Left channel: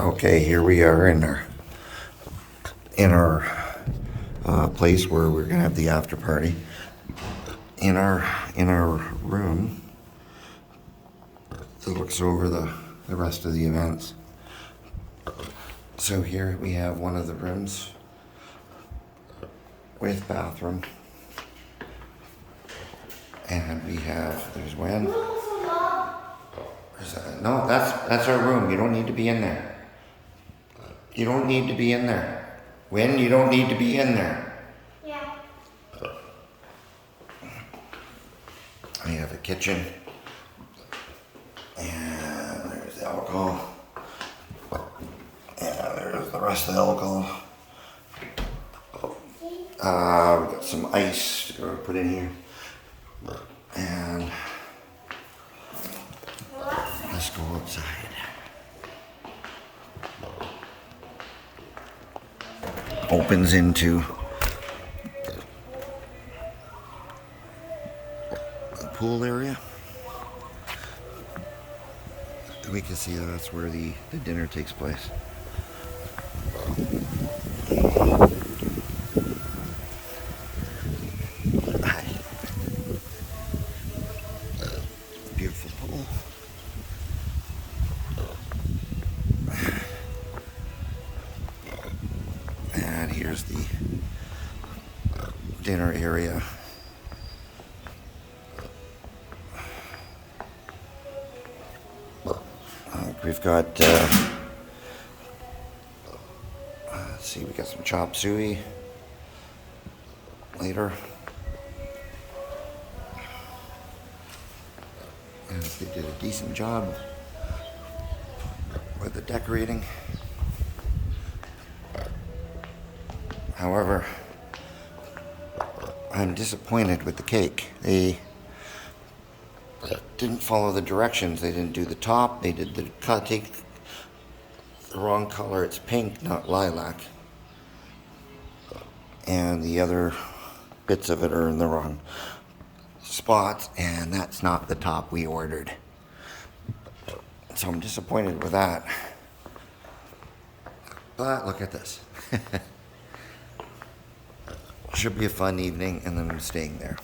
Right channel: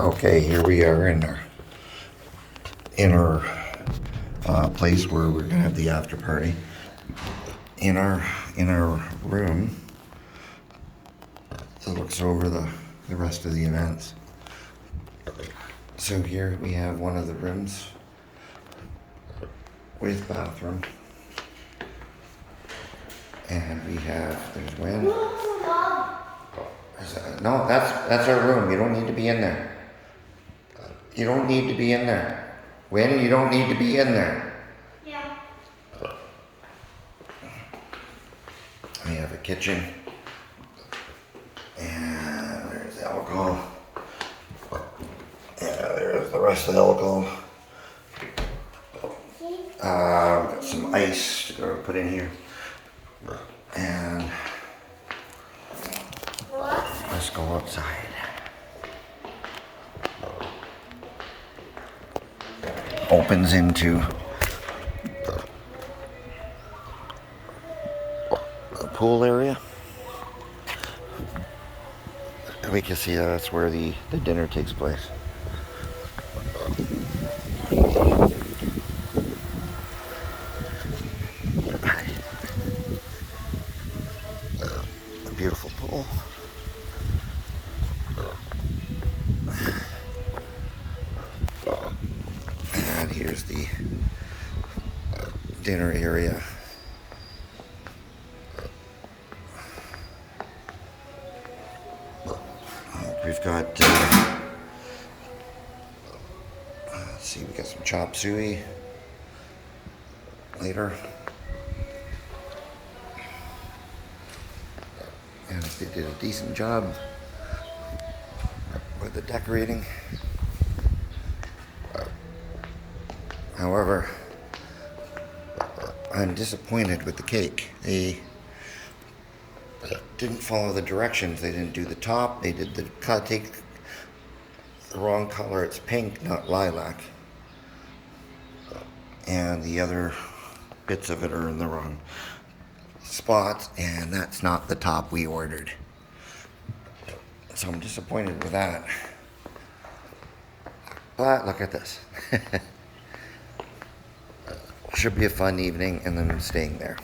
Okay, here we are in our place where we're gonna have the after party. In our room that looks over the rest of the events. So here we have one of the rooms with bathroom, and we have there's Wen. No, that's our room. You don't need to be in there. You don't need to be in there. Wen, you don't need to be in there. Yeah. We have a kitchen, and there's the alcohol. Yeah, there's the rest of the alcohol. We've got some ice to go put in here, and let's go outside. Opens into the pool area. We can see that's where the dinner takes place. A beautiful pool. And here's the dinner area. We've got, let's see, we got some chop suey later. And they did a decent job with the decorating. However, I'm disappointed with the cake. They didn't follow the directions. They didn't do the top. They did take the wrong color. It's pink, not lilac. And the other bits of it are in the wrong spots, and that's not the top we ordered. So I'm disappointed with that. But look at this. Should be a fun evening, and then I'm staying there.